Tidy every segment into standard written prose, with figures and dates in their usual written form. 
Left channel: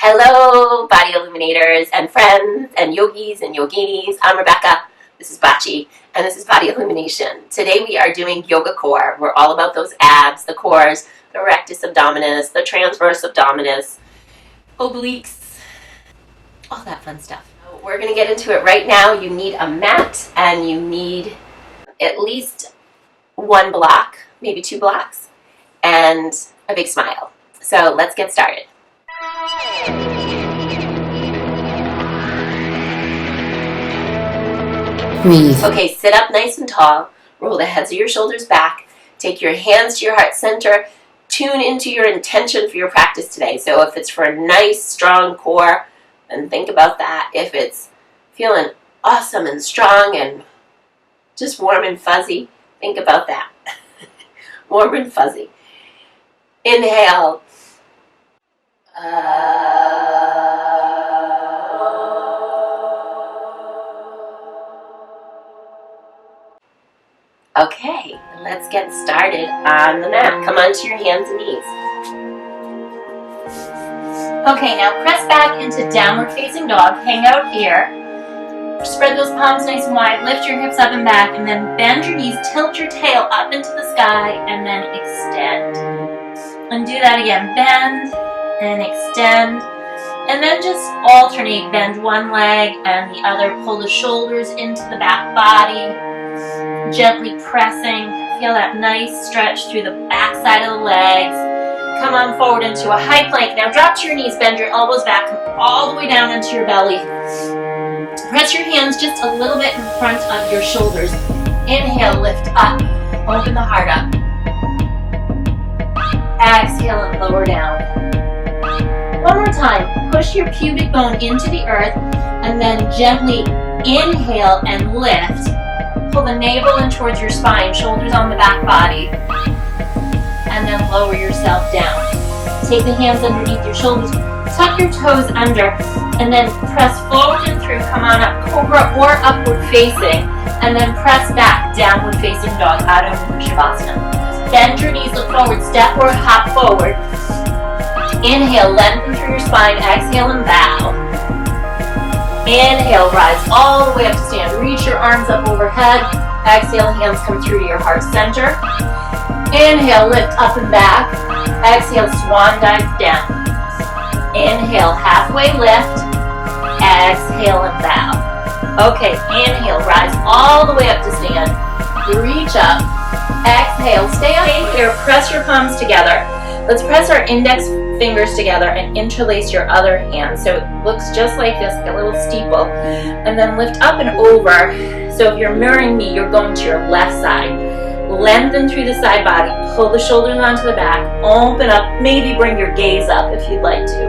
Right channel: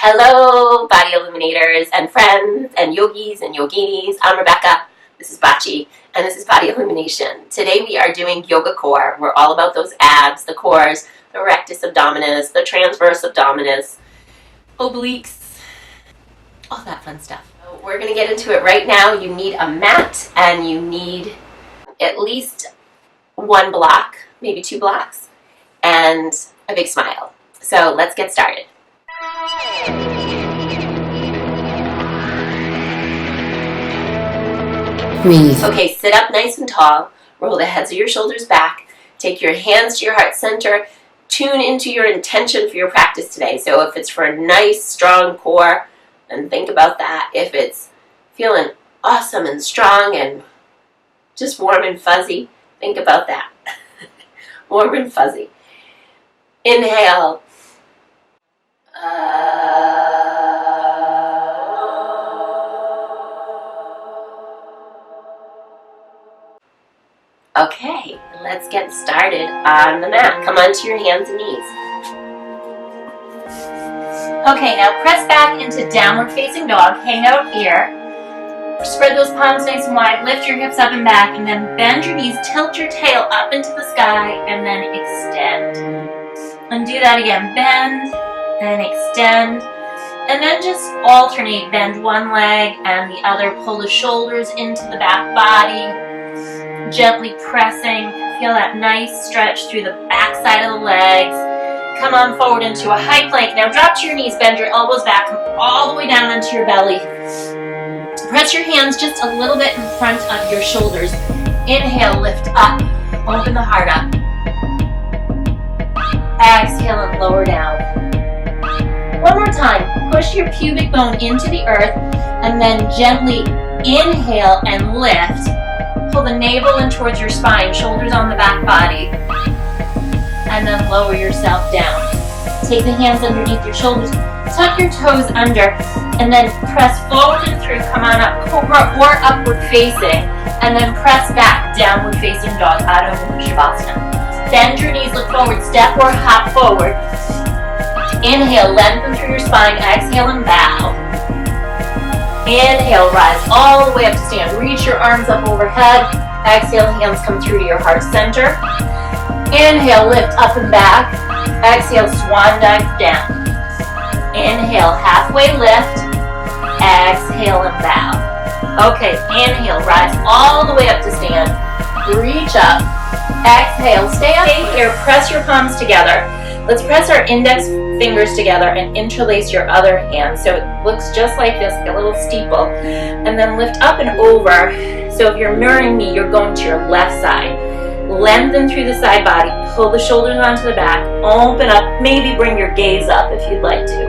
Hello, body illuminators and friends and yogis and yoginis. I'm Rebecca. This is Bachi, and this is Body Illumination. Today we are doing yoga core. We're all about those abs, the cores, the rectus abdominis, the transverse abdominis, obliques, all that fun stuff. So we're going to get into it right now. You need a mat, and you need at least one block, maybe 2 blocks, and a big smile. So let's get started. Breathe. Okay, sit up nice and tall. Roll the heads of your shoulders back. Take your hands to your heart center. Tune into your intention for your practice today. So if it's for a nice, strong core, then think about that. If it's feeling awesome and strong and just warm and fuzzy, think about that. Warm and fuzzy. Inhale. Okay, let's get started on the mat. Come onto your hands and knees. Okay, now press back into downward facing dog. Hang out here. Spread those palms nice and wide. Lift your hips up and back, and then bend your knees. Tilt your tail up into the sky, and then extend. And do that again. Bend and extend. And then just alternate. Bend one leg and the other. Pull the shoulders into the back body. Gently pressing. Feel that nice stretch through the back side of the legs. Come on forward into a high plank. Now drop to your knees, bend your elbows back, come all the way down onto your belly. Press your hands just a little bit in front of your shoulders. Inhale, lift up. Open the heart up. Exhale and lower down. One more time. Push your pubic bone into the earth and then gently inhale and lift. Pull the navel in towards your spine, shoulders on the back body, and then lower yourself down. Take the hands underneath your shoulders, tuck your toes under, and then press forward and through. Come on up, cobra or upward facing, and then press back, downward facing dog, Adho Mukha Shavasana. Bend your knees, look forward, step or hop forward. Inhale, lengthen through your spine, exhale and bow. Inhale, rise all the way up to stand. Reach your arms up overhead. Exhale, hands come through to your heart center. Inhale, lift up and back. Exhale, swan dive down. Inhale, halfway lift. Exhale and bow. Okay, inhale, rise all the way up to stand. Reach up. Exhale, stay here. Press your palms together. Let's press our index fingers together and interlace your other hand. So it looks just like this, a little steeple. And then lift up and over. So if you're mirroring me, you're going to your left side. Lengthen through the side body. Pull the shoulders onto the back. Open up. Maybe bring your gaze up if you'd like to.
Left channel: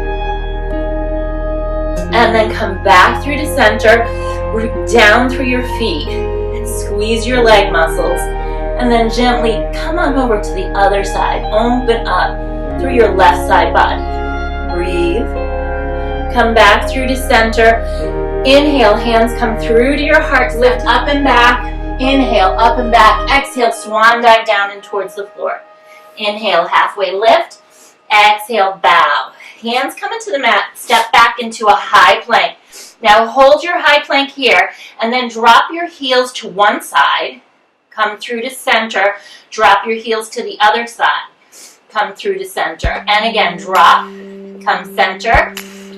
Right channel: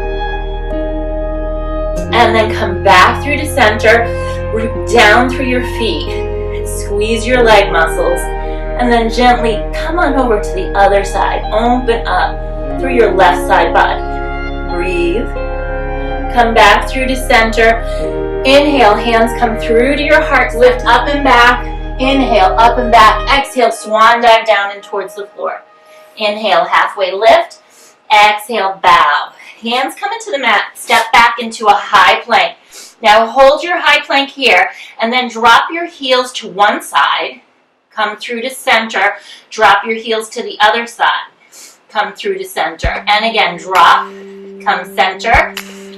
And then come back through to center. Root down through your feet. Squeeze your leg muscles. And then gently come on over to the other side. Open up through your left side body. Breathe. Come back through to center. Inhale, hands come through to your heart. Lift up and back. Inhale, up and back. Exhale, swan dive down and towards the floor. Inhale, halfway lift. Exhale, bow. Hands come into the mat. Step back into a high plank. Now hold your high plank here and then drop your heels to one side. Come through to center. Drop your heels to the other side. Come through to center. And again, drop, come center,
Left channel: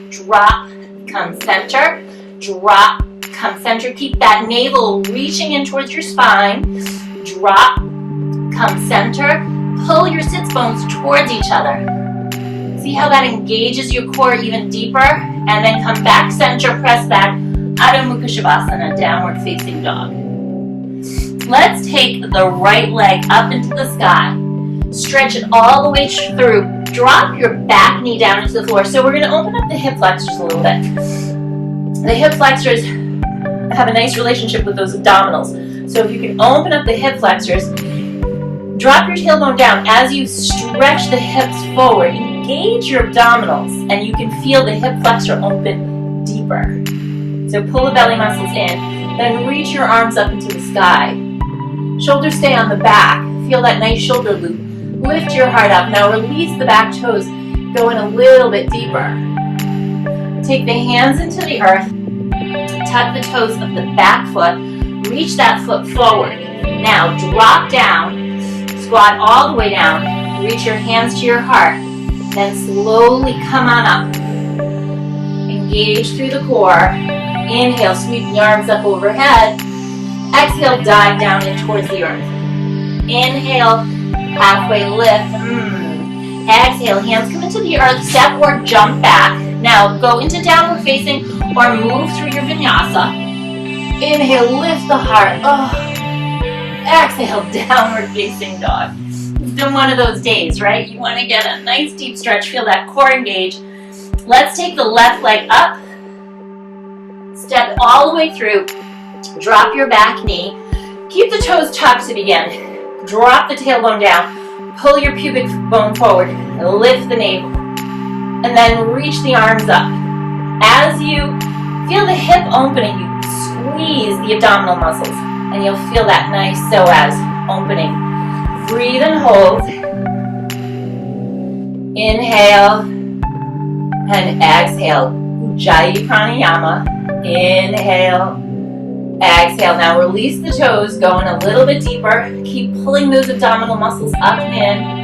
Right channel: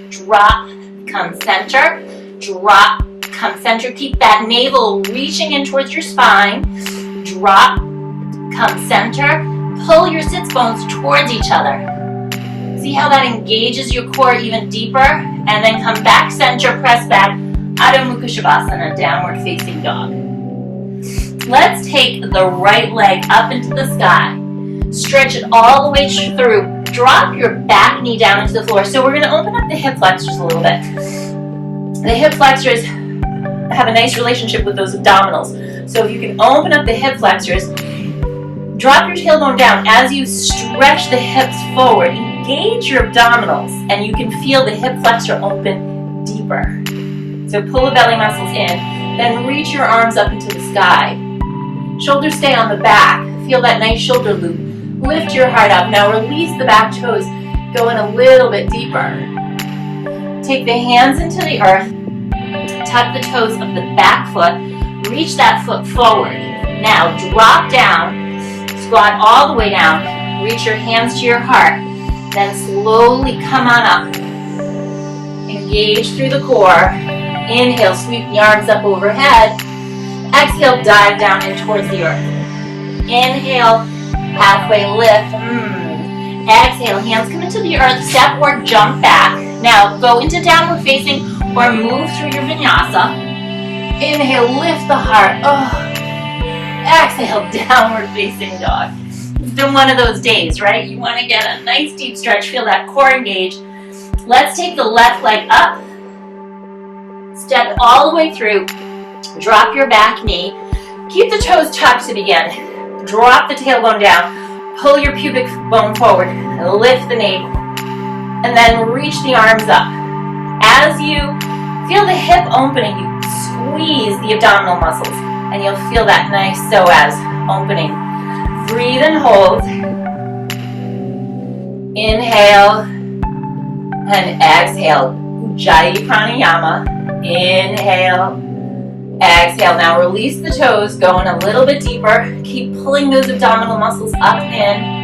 drop, come center, drop, come center. Keep that navel reaching in towards your spine. Drop, come center. Pull your sits bones towards each other. See how that engages your core even deeper? And then come back center, press back. Adho Mukha Shavasana, downward facing dog. Let's take the right leg up into the sky. Stretch it all the way through. Drop your back knee down into the floor. So we're going to open up the hip flexors a little bit. The hip flexors have a nice relationship with those abdominals. So if you can open up the hip flexors, drop your tailbone down as you stretch the hips forward. Engage your abdominals and you can feel the hip flexor open deeper. So pull the belly muscles in, then reach your arms up into the sky. Shoulders stay on the back. Feel that nice shoulder loop. Lift your heart up. Now release the back toes. Go in a little bit deeper. Take the hands into the earth. Tuck the toes of the back foot. Reach that foot forward. Now drop down. Squat all the way down. Reach your hands to your heart. Then slowly come on up. Engage through the core. Inhale, sweep the arms up overhead. Exhale, dive down in towards the earth. Inhale, halfway lift. Exhale, hands come into the earth, step or jump back. Now go into downward facing or move through your vinyasa. Inhale, lift the heart. Exhale, downward facing dog. It's been one of those days, right? You want to get a nice deep stretch, feel that core engage. Let's take the left leg up. Step all the way through. Drop your back knee. Keep the toes tucked again. Drop the tailbone down. Pull your pubic bone forward. Lift the navel. And then reach the arms up. As you feel the hip opening, you squeeze the abdominal muscles. And you'll feel that nice psoas opening. Breathe and hold. Inhale. And exhale. Ujjayi pranayama. Inhale. Exhale. Now release the toes, going a little bit deeper. Keep pulling those abdominal muscles up and in.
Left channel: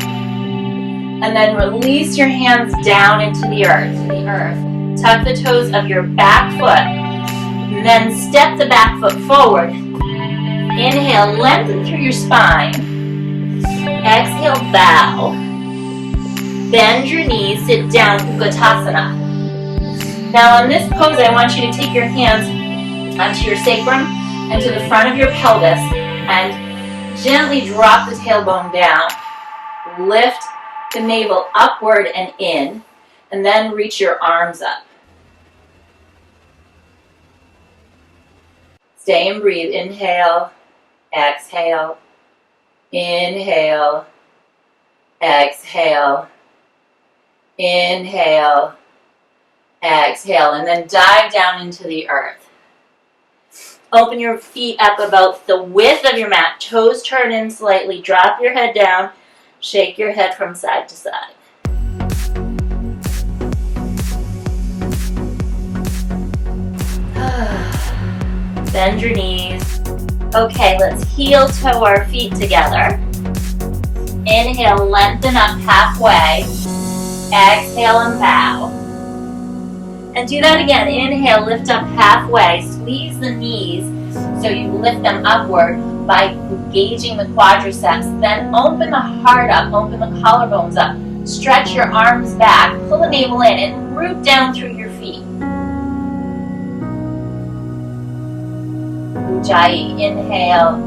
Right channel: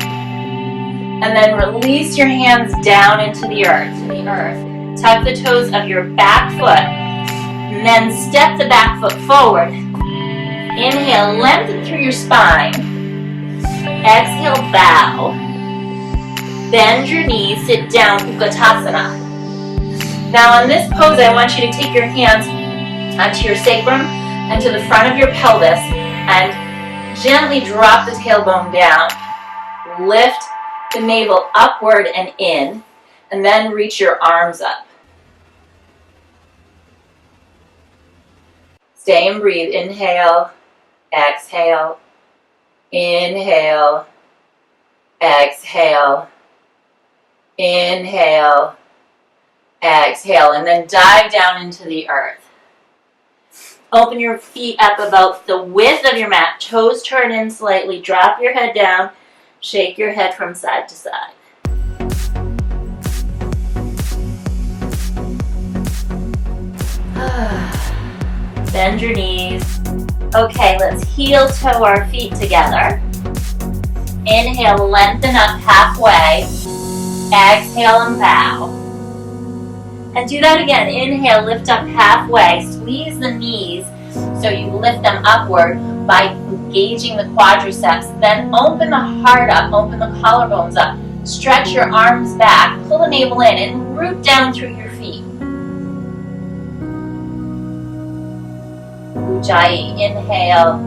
And then release your hands down into the earth. Tuck the toes of your back foot. And then step the back foot forward. Inhale, lengthen through your spine. Exhale, bow. Bend your knees, sit down, Utkatasana. Now on this pose, I want you to take your hands onto your sacrum and to the front of your pelvis and gently drop the tailbone down. Lift the navel upward and in, and then reach your arms up. Stay and breathe. Inhale, exhale, inhale, exhale, inhale, exhale, and then dive down into the earth. Open your feet up about the width of your mat. Toes turn in slightly. Drop your head down. Shake your head from side to side. Bend your knees. Okay, let's heel toe our feet together. Inhale, lengthen up halfway. Exhale and bow. And do that again. Inhale, lift up halfway. Squeeze the knees so you lift them upward by engaging the quadriceps. Then open the heart up, open the collarbones up. Stretch your arms back, pull the navel in, and root down through your feet. Ujjayi, inhale,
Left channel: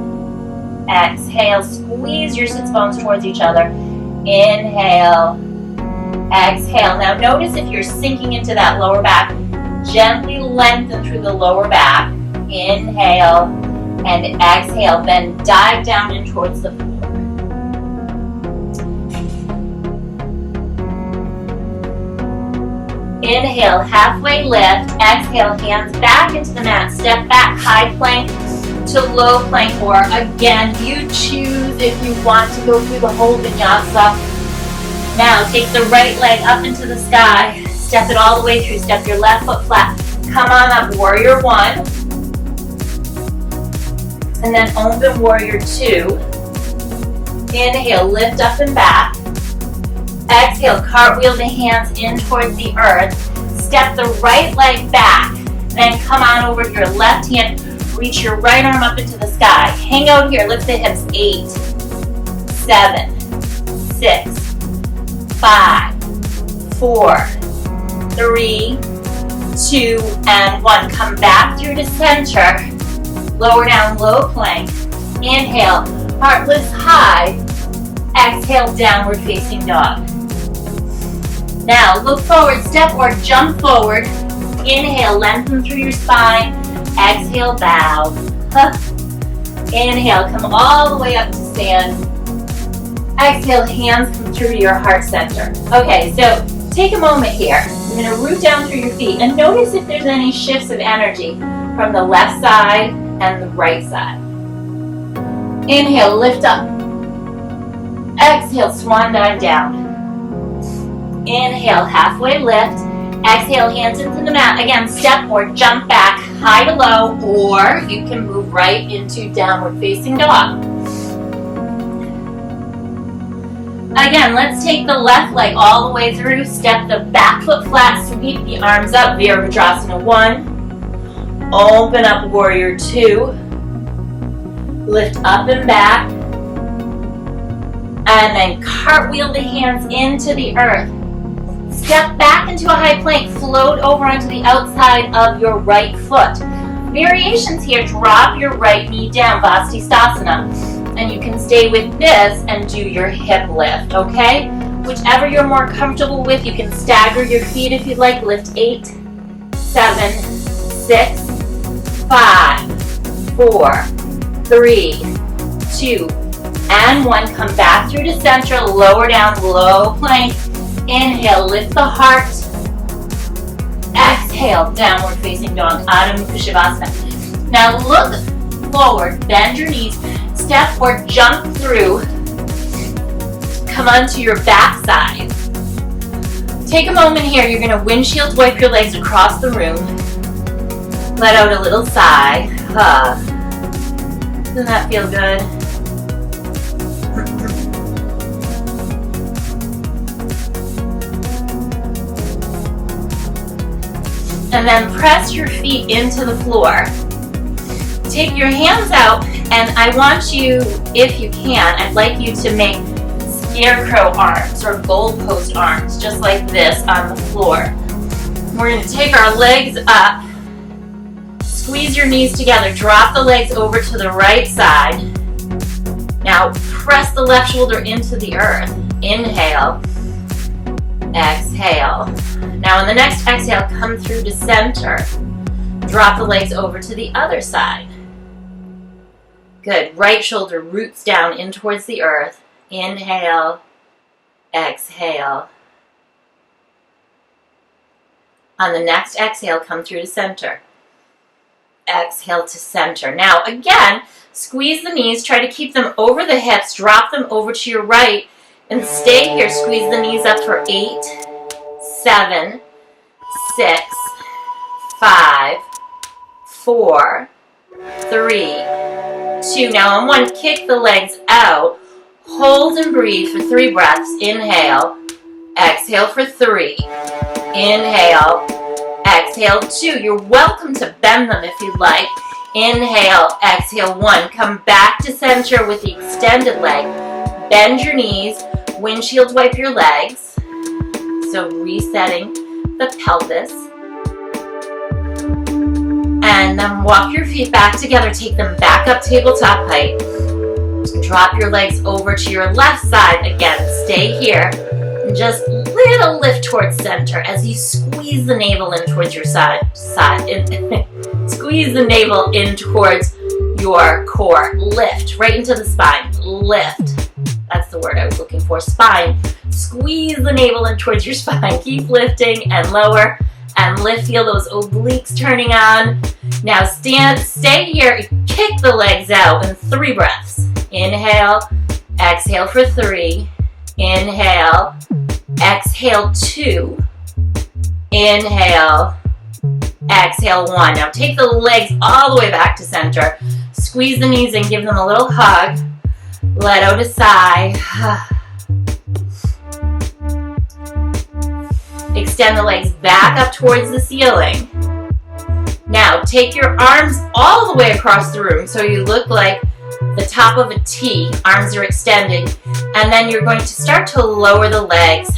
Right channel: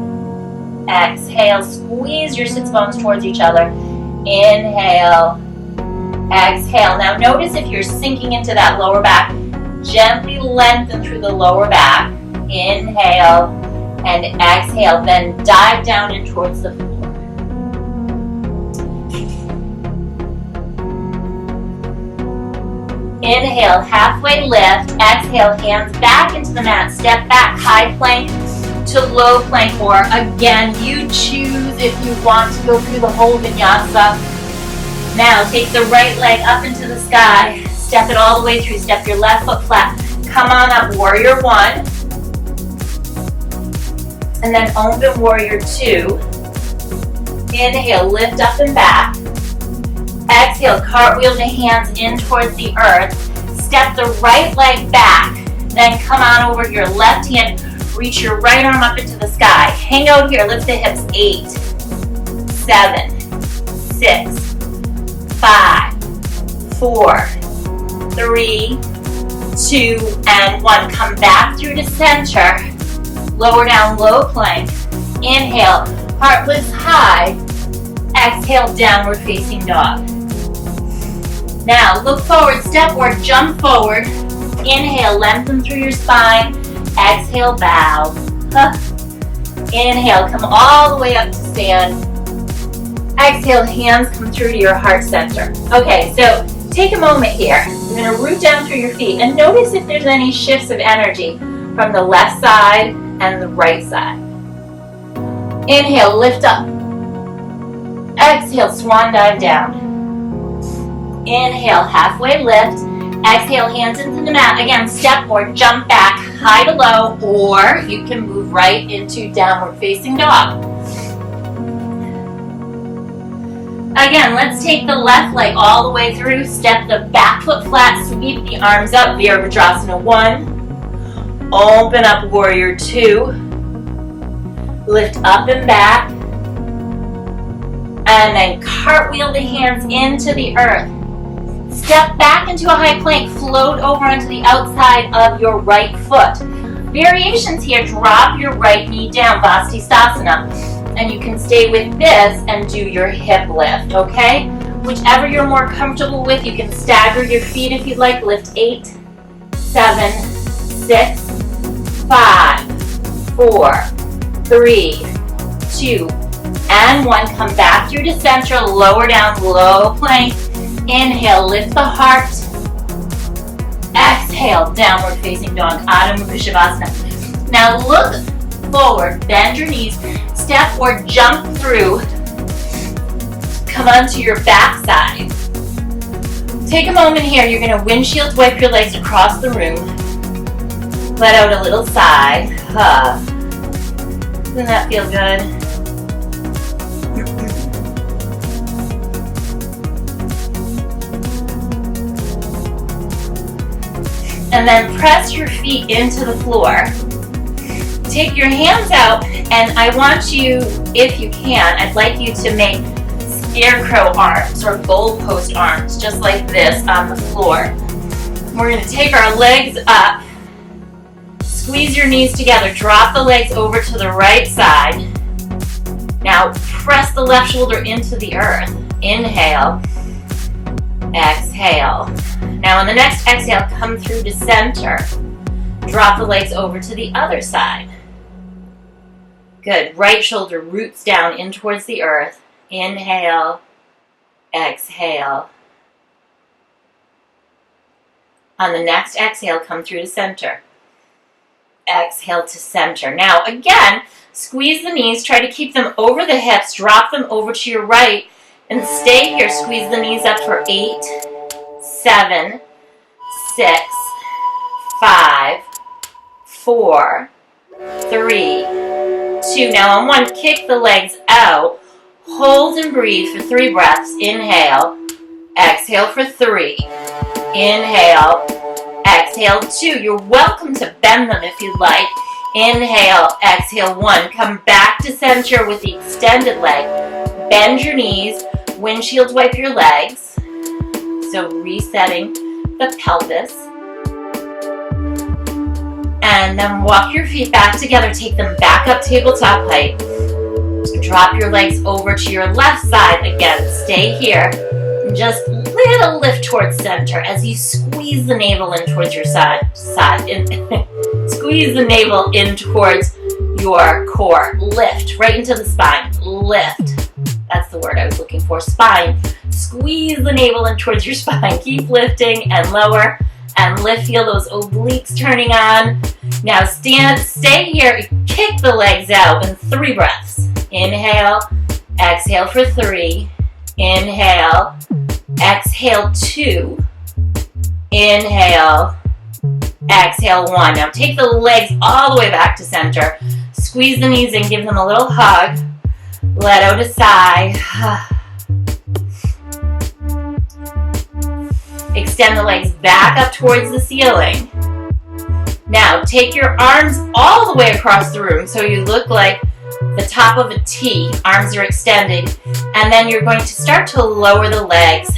exhale. Squeeze your sits bones towards each other. Inhale, exhale. Now notice if you're sinking into that lower back, gently lengthen through the lower back. Inhale and exhale, then dive down in towards the floor. Inhale, halfway lift. Exhale, hands back into the mat. Step back, high plank to low plank, or again, you choose if you want to go through the whole vinyasa. Now take the right leg up into the sky. Step it all the way through. Step your left foot flat. Come on up, warrior one. And then open warrior two. Inhale, lift up and back. Exhale, cartwheel the hands in towards the earth. Step the right leg back. Then come on over to your left hand. Reach your right arm up into the sky. Hang out here. Lift the hips. 8, 7, 6, 5, 4, 3, 2, and 1. Come back through to center. Lower down, low plank. Inhale, heart lifts high. Exhale, downward facing dog. Now look forward, step or jump forward. Inhale, lengthen through your spine. Exhale, bow. Inhale, come all the way up to stand. Exhale, hands come through to your heart center. Okay, so take a moment here. You're going to root down through your feet and notice if there's any shifts of energy from the left side and the right side. Inhale, lift up. Exhale, swan dive down. Inhale, halfway lift. Exhale, hands into the mat. Again, step or jump back, high to low, or you can move right into downward facing dog. Again, let's take the left leg all the way through. Step the back foot flat, sweep the arms up. Virabhadrasana 1. Open up warrior 2. Lift up and back. And then cartwheel the hands into the earth. Step back into a high plank. Float over onto the outside of your right foot. Variations here, drop your right knee down, Vastisthasana. And you can stay with this and do your hip lift, okay? Whichever you're more comfortable with, you can stagger your feet if you'd like. Lift 8, 7, 6, 5, 4, 3, 2, and 1. Come back through to center, lower down, low plank. Inhale, lift the heart. Exhale, downward facing dog, Adho Mukha Shavasana. Now look forward, bend your knees, step or jump through. Come onto your back side. Take a moment here, you're going to windshield wipe your legs across the room. Let out a little sigh. Doesn't that feel good? And then press your feet into the floor. Take your hands out, and I want you, if you can, I'd like you to make scarecrow arms or goalpost arms, just like this on the floor. We're going to take our legs up, squeeze your knees together, drop the legs over to the right side. Now press the left shoulder into the earth. Inhale, exhale. Now in the next exhale, come through to center. Drop the legs over to the other side. Good. Right shoulder roots down in towards the earth. Inhale, exhale. On the next exhale, come through to center. Exhale to center. Now again, squeeze the knees. Try to keep them over the hips. Drop them over to your right. And stay here. Squeeze the knees up for 8, 7, 6, 5, 4, 3, 2. Now on 1, kick the legs out. Hold and breathe for 3 breaths. Inhale. Exhale for 3. Inhale. Exhale 2. You're welcome to bend them if you'd like. Inhale. Exhale 1. Come back to center with the extended leg. Bend your knees. Windshield wipe your legs. So resetting the pelvis. And then walk your feet back together. Take them back up tabletop height. Drop your legs over to your left side. Again, stay here. And just little lift towards center as you squeeze the navel in towards your side. Squeeze the navel in towards your core. Lift right into the spine. Lift. That's the word I was looking for. Spine. Squeeze the navel in towards your spine. Keep lifting and lower and lift. Feel those obliques turning on. Now stay here. Kick the legs out in 3 breaths. Inhale. Exhale for 3. Inhale. Exhale 2. Inhale. Exhale 1. Now take the legs all the way back to center. Squeeze the knees and give them a little hug. Let out a sigh. Extend the legs back up towards the ceiling. Now take your arms all the way across the room so you look like the top of a T. Arms are extended. And then you're going to start to lower the legs,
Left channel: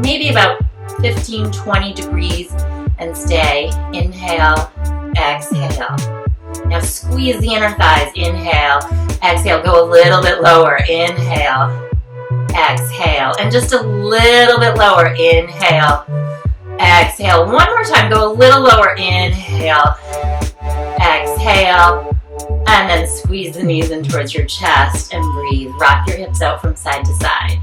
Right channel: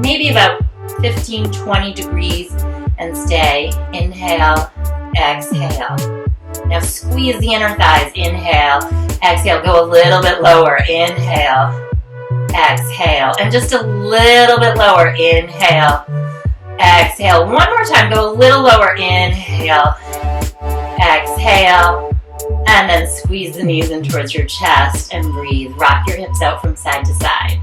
maybe about 15-20 degrees, and stay. Inhale, exhale. Now squeeze the inner thighs. Inhale, exhale. Go a little bit lower. Inhale, exhale. And just a little bit lower. Inhale, exhale. One more time. Go a little lower. Inhale, exhale. And then squeeze the knees in towards your chest and breathe. Rock your hips out from side to side.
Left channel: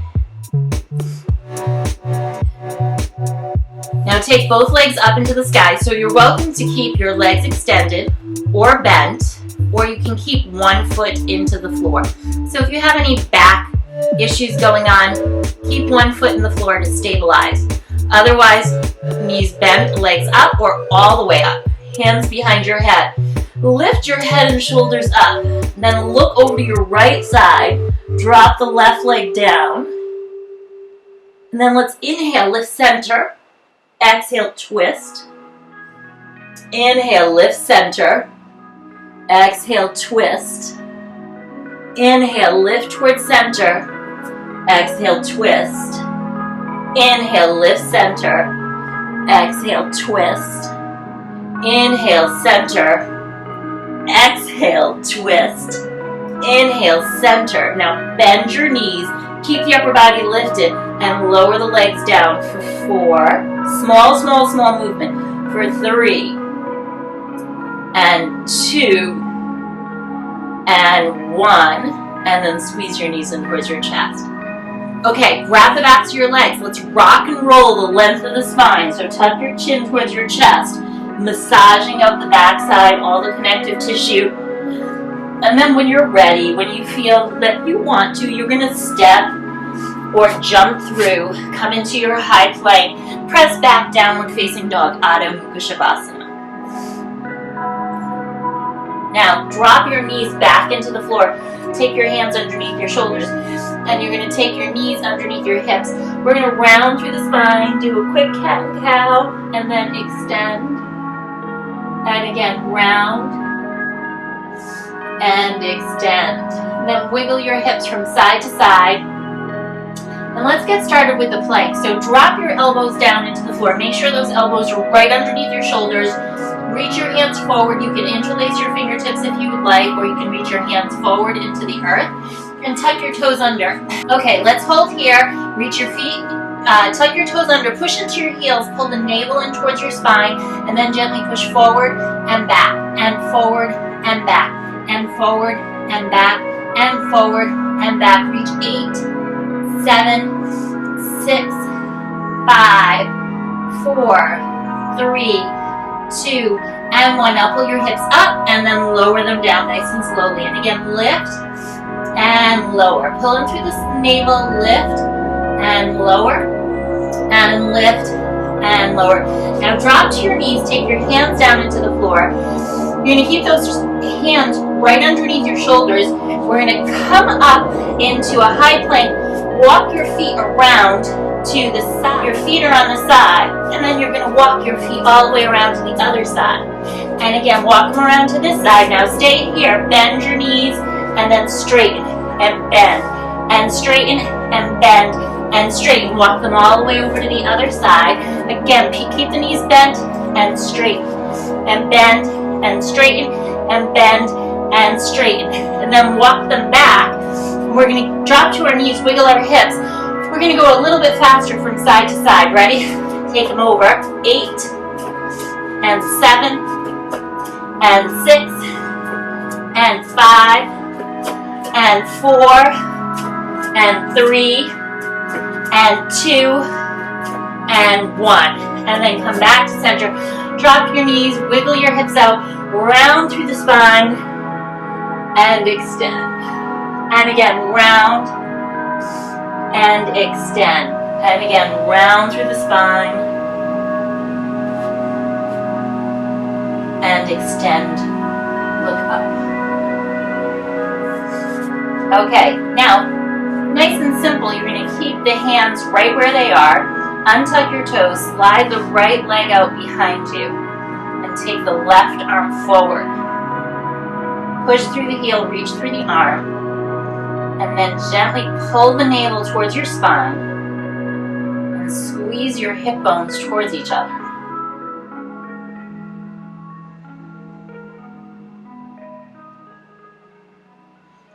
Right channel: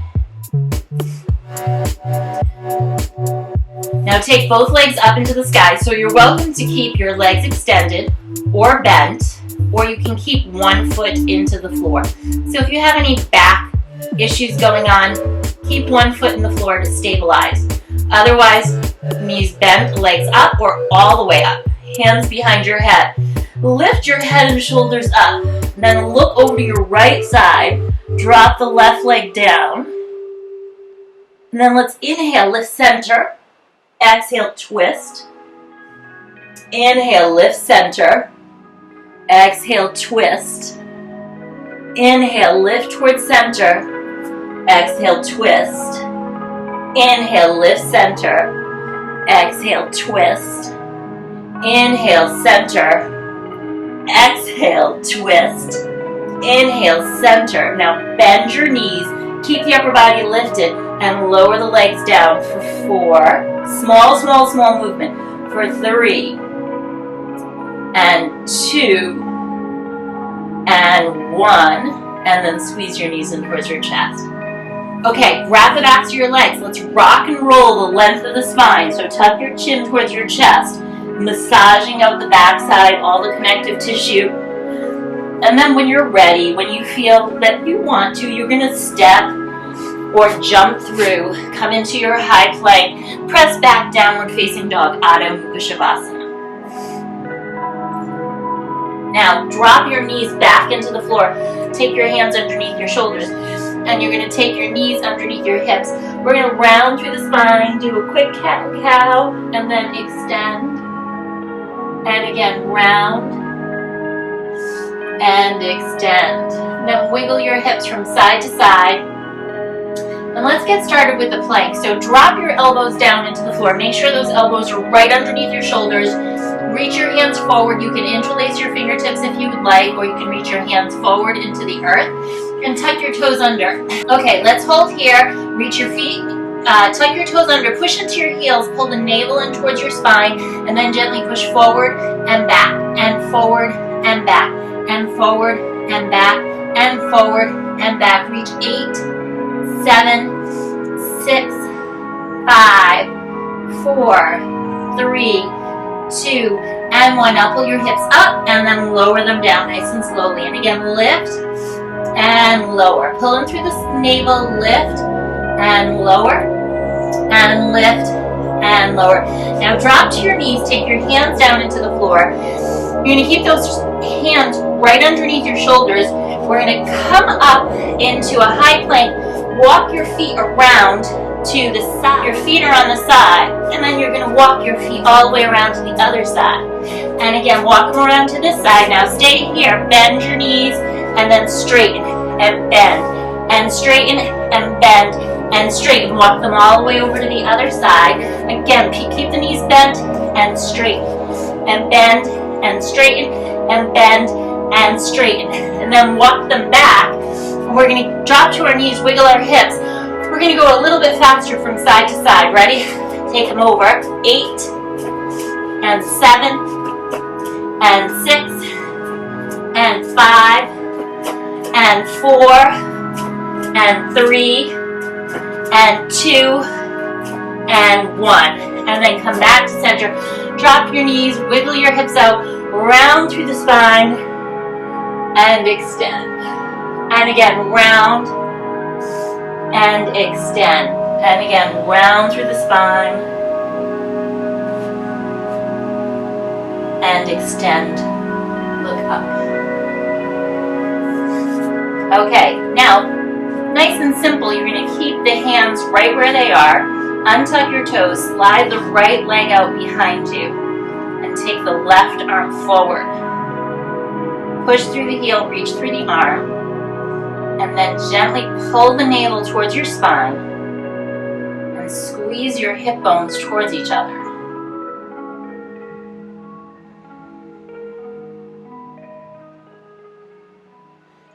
Now take both legs up into the sky. So you're welcome to keep your legs extended or bent, or you can keep one foot into the floor. So if you have any back issues going on, keep one foot in the floor to stabilize. Otherwise, Knees bent, legs up or all the way up. Hands behind your head. Lift your head and shoulders up. Then look over to your right side. Drop the left leg down. And then let's inhale, lift center. Exhale, twist. Inhale, lift center. Exhale, twist. Inhale, lift towards center. Exhale, twist. Inhale, lift center. Exhale, twist. Inhale, center. Exhale, twist. Inhale, center. Now bend your knees. Keep the upper body lifted and lower the legs down for 4. Small, small, small movement. For 3. And 2. And 1. And then squeeze your knees in towards your chest. Okay, grab the backs of your legs. Let's rock and roll the length of the spine. So tuck your chin towards your chest. Massaging out the backside, all the connective tissue. And then when you're ready, when you feel that you want to, you're going to step or jump through, come into your high plank, press back, downward facing dog, Adho Mukha Shavasana. Now drop your knees back into the floor. Take your hands underneath your shoulders. And you're going to take your knees underneath your hips. We're going to round through the spine, do a quick cat and cow, and then extend. And again, round and extend. And then wiggle your hips from side to side. And let's get started with the plank. So drop your elbows down into the floor. Make sure those elbows are right underneath your shoulders. Reach your hands forward. You can interlace your fingertips if you would like, or you can reach your hands forward into the earth and tuck your toes under. Okay, let's hold here. Reach your feet. Tuck your toes under, push into your heels, pull the navel in towards your spine, and then gently push forward and back, and forward and back, and forward and back, and forward and back. Reach 8, 7, 6, 5, 4, 3, 2, and 1. Now pull your hips up and then lower them down nice and slowly. And again, lift and lower. Pull in through the navel, lift and lower. And lift and lower. Now drop to your knees, take your hands down into the floor. You're going to keep those hands right underneath your shoulders. We're going to come up into a high plank. Walk your feet around to the side. Your feet are on the side. And then you're going to walk your feet all the way around to the other side. And again, walk them around to this side. Now stay here. Bend your knees and then straighten and bend. And straighten and bend. And straighten. Walk them all the way over to the other side. Again, keep the knees bent and straighten. And bend and straighten and bend and straighten. And then walk them back. And we're going to drop to our knees, wiggle our hips. We're going to go a little bit faster from side to side. Ready? Take them over. 8 and 7 and 6 and 5 and 4 and 3 and 2 and 1. And then come back to center. Drop your knees, wiggle your hips out, round through the spine, and extend. And again, round and extend. And again, round through the spine and extend. Look up. Okay, now, nice and simple, you're going to keep the hands right where they are. Untuck your toes, slide the right leg out behind you, and take the left arm forward. Push through the heel, reach through the arm, and then gently pull the navel towards your spine, and squeeze your hip bones towards each other.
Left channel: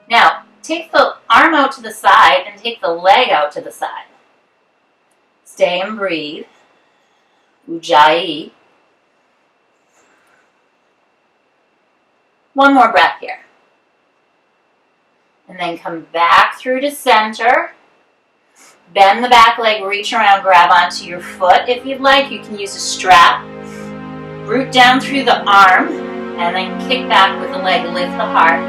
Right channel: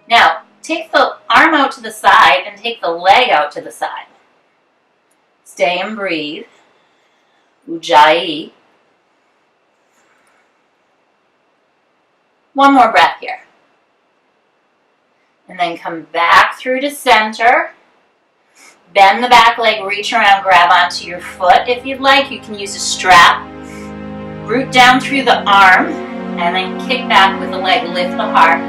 Now, take the arm out to the side and take the leg out to the side. Stay and breathe. Ujjayi. One more breath here. And then come back through to center. Bend the back leg, reach around, grab onto your foot. If you'd like, you can use a strap. Root down through the arm, and then kick back with the leg, lift the heart.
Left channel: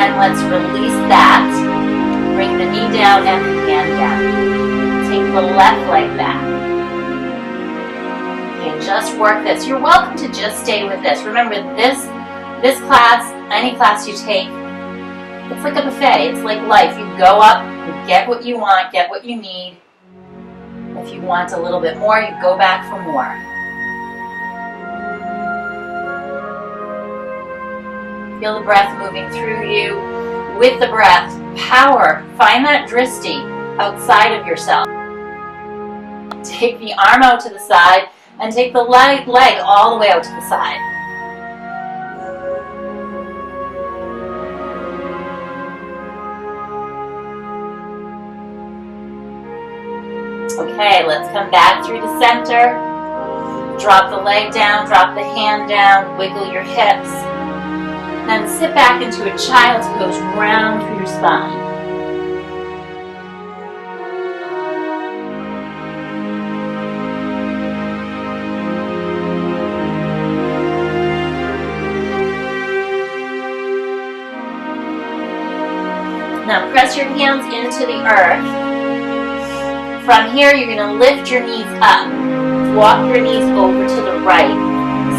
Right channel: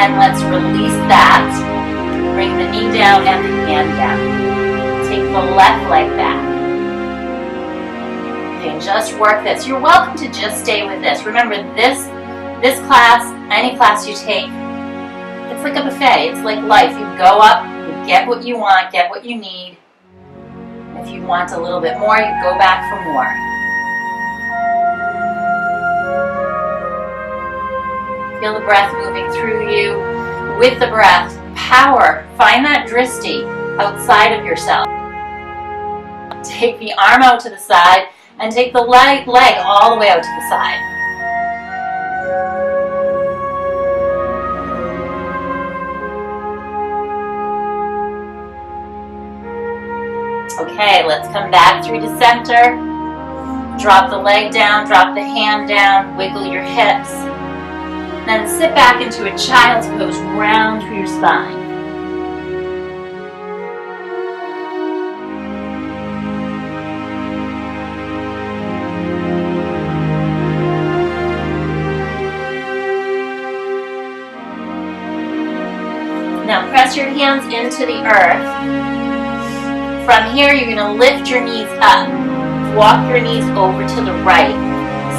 And let's release that. Bring the knee down and the hand down. Take the left leg back. Okay, just work this. You're welcome to just stay with this. Remember, this class, any class you take, it's like a buffet. It's like life. You go up, you get what you want, get what you need. If you want a little bit more, you go back for more. Feel the breath moving through you. With the breath, power. Find that drishti outside of yourself. Take the arm out to the side and take the leg all the way out to the side. Okay, let's come back through the center. Drop the leg down, drop the hand down, wiggle your hips. Then sit back into a child's pose, round through your spine. Now press your hands into the earth. From here, you're going to lift your knees up. Walk your knees over to the right.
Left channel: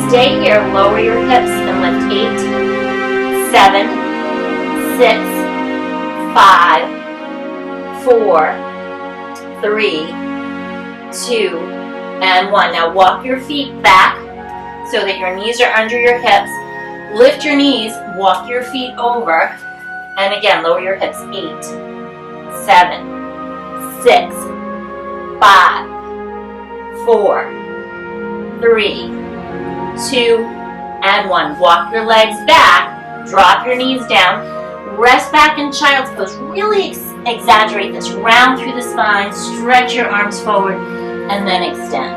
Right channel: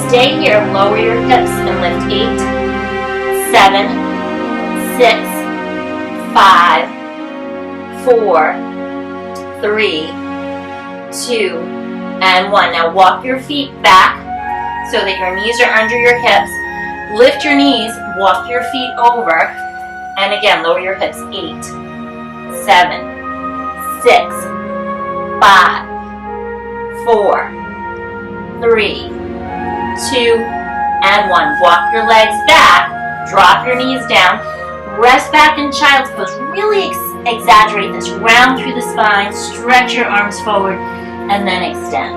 Stay here, lower your hips and lift 8, 7, 6, 5, 4, 3, 2, and 1. Now walk your feet back so that your knees are under your hips. Lift your knees, walk your feet over, and again, lower your hips. 8, 7, 6, 5, 4, 3, 2, and 1. Walk your legs back. Drop your knees down, rest back in child's pose. Really exaggerate this. Round through the spine, stretch your arms forward, and then extend.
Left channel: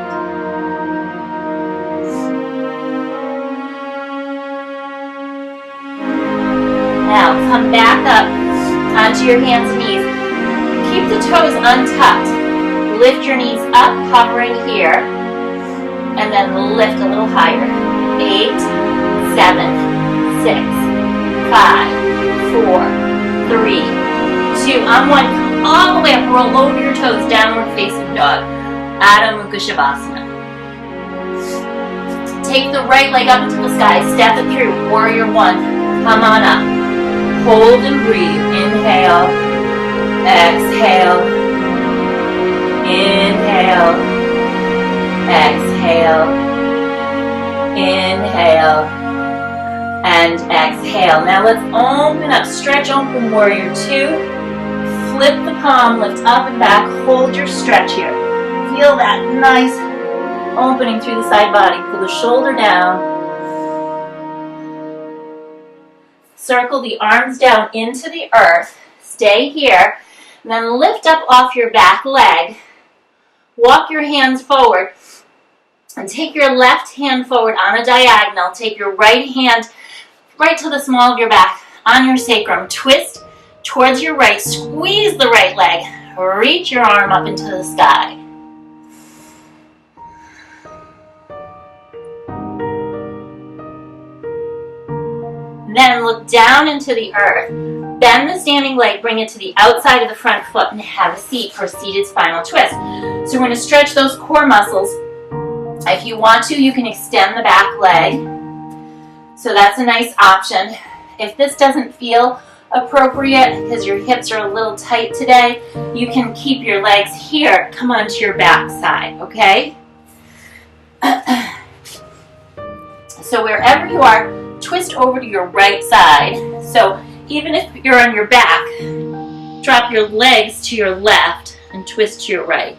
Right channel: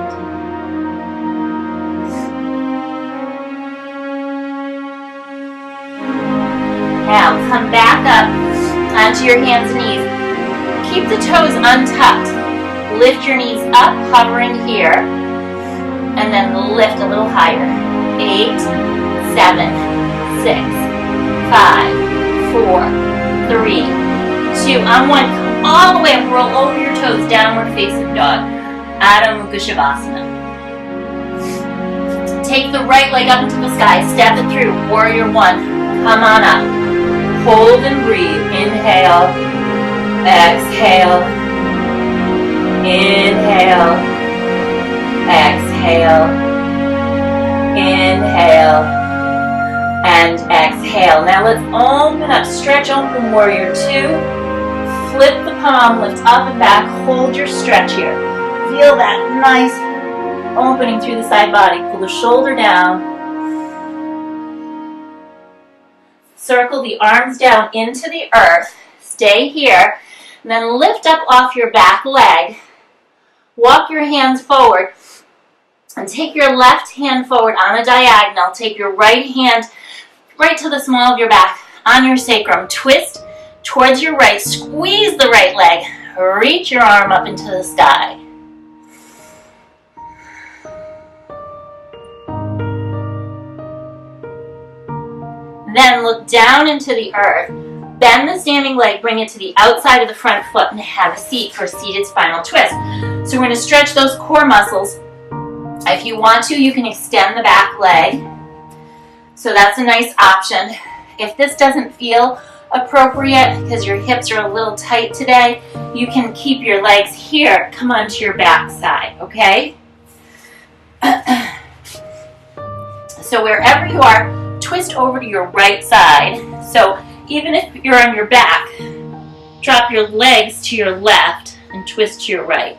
Now come back up onto your hands and knees. Keep the toes untucked. Lift your knees up, hovering here, and then lift a little higher. 8, 7, 6, 5, 4, 3, 2, on 1, come all the way up, roll over your toes, downward facing dog, Adho Mukha Shavasana. Take the right leg up into the sky, step it through, warrior 1, come on up, hold and breathe, inhale, exhale, inhale, exhale, inhale, and exhale. Now let's open up, stretch open, warrior 2. Flip the palm, lift up and back, hold your stretch here. Feel that nice opening through the side body. Pull the shoulder down. Circle the arms down into the earth. Stay here. And then lift up off your back leg. Walk your hands forward. And take your left hand forward on a diagonal. Take your right hand right to the small of your back on your sacrum. Twist towards your right. Squeeze the right leg. Reach your arm up into the sky. Then look down into the earth. Bend the standing leg, bring it to the outside of the front foot, and have a seat for seated spinal twist. So we're going to stretch those core muscles. If you want to, you can extend the back leg. So that's a nice option. If this doesn't feel appropriate because your hips are a little tight today, you can keep your legs here. Come onto your back side, okay? So wherever you are, twist over to your right side. So even if you're on your back, drop your legs to your left and twist to your right,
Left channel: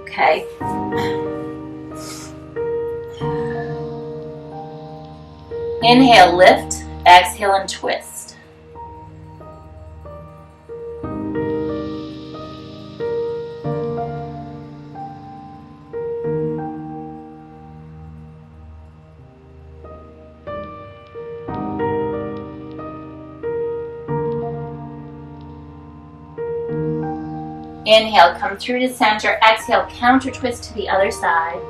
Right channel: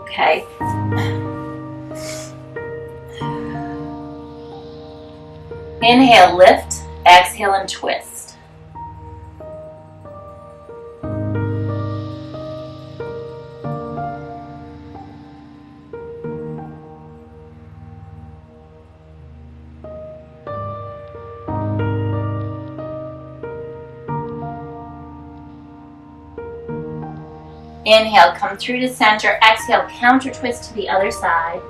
okay? Inhale, lift, exhale, and twist. Inhale, come through to center. Exhale, counter twist to the other side.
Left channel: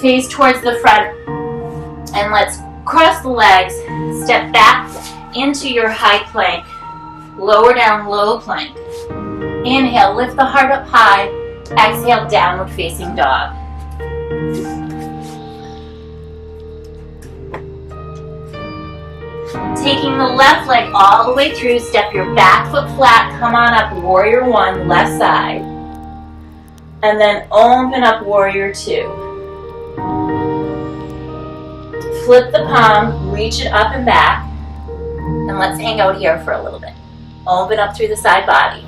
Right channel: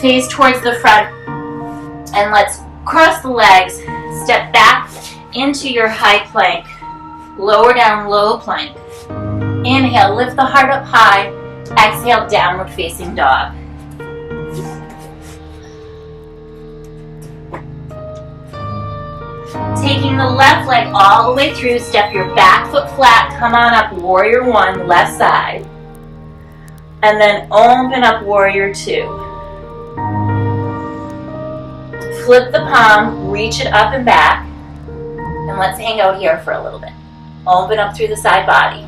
Face towards the front. And let's cross the legs, step back into your high plank. Lower down, low plank. Inhale, lift the heart up high. Exhale, downward facing dog. Taking the left leg all the way through, step your back foot flat, come on up, warrior one, left side. And then open up, warrior two. Flip the palm, reach it up and back. And let's hang out here for a little bit. Open up through the side body.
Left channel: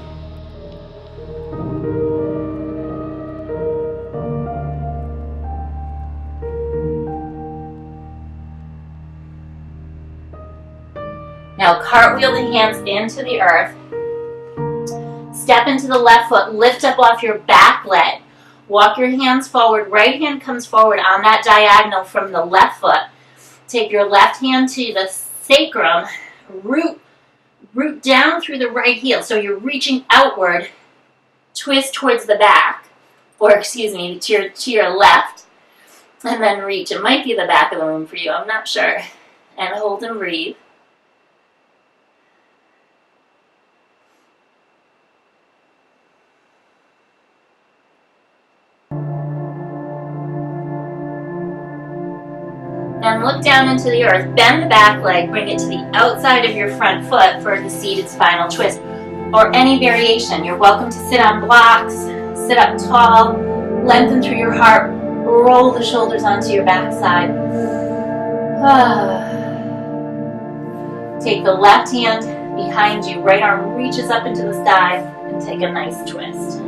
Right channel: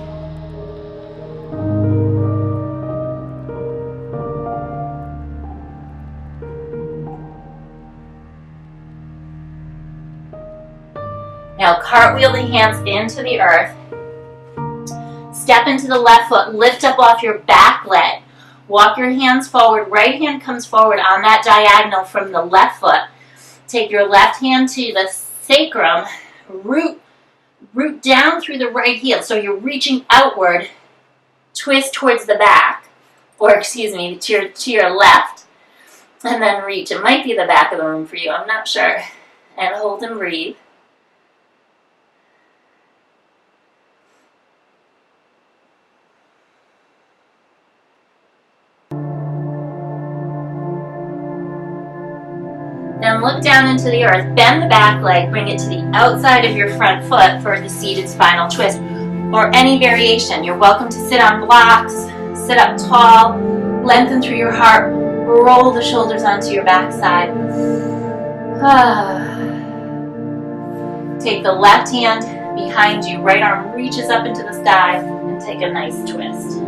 Now cartwheel the hands into the earth. Step into the left foot, lift up off your back leg. Walk your hands forward, right hand comes forward on that diagonal from the left foot. Take your left hand to the sacrum, root down through the right heel. So you're reaching outward, twist towards the back, or excuse me, to your left, and then reach. It might be the back of the room for you, I'm not sure. And hold and breathe. Then look down into the earth, bend the back leg, bring it to the outside of your front foot for the seated spinal twist, or any variation. You're welcome to sit on blocks, sit up tall, lengthen through your heart, roll the shoulders onto your backside. Take the left hand behind you, right arm reaches up into the sky, and take a nice twist.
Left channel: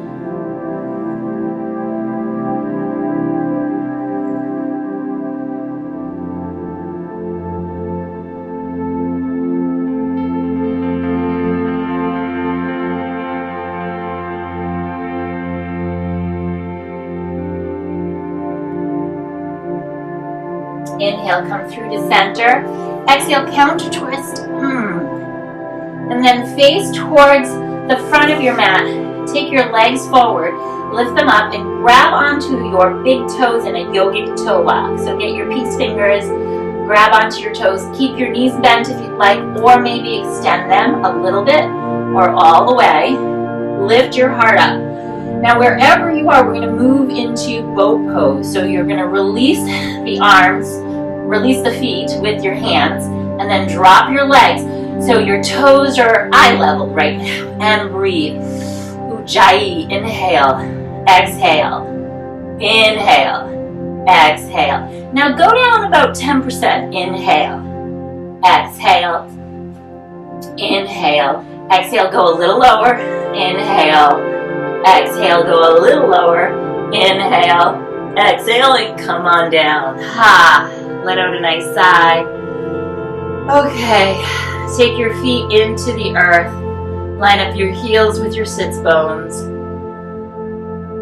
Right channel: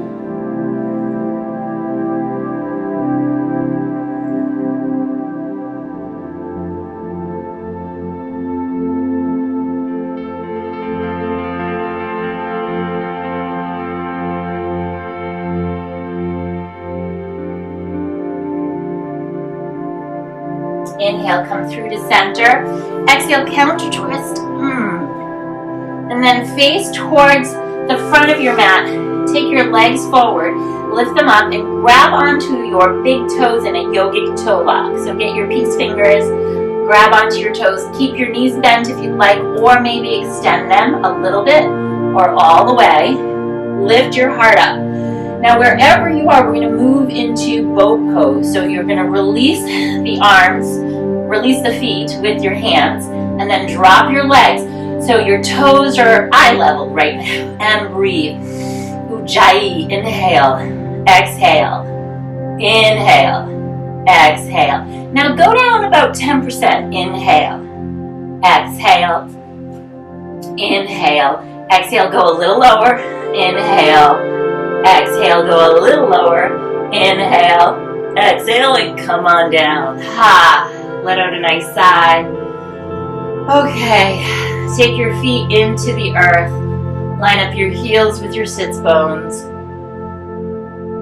Inhale, come through to center. Exhale, counter twist. And then face towards the front of your mat. Take your legs forward, lift them up, and grab onto your big toes in a yogic toe lock. So get your peace fingers, grab onto your toes. Keep your knees bent if you'd like, or maybe extend them a little bit or all the way. Lift your heart up. Now wherever you are, we're going to move into boat pose. So you're going to release the arms, release the feet with your hands, and then drop your legs so your toes are eye level right now. And breathe. Ujjayi. Inhale. Exhale. Inhale. Exhale. Now go down about 10%. Inhale. Exhale. Inhale. Exhale. Go a little lower. Inhale. Exhale, go a little lower. Inhale, exhale, and come on down. Let out a nice sigh. Okay, take your feet into the earth. Line up your heels with your sits bones.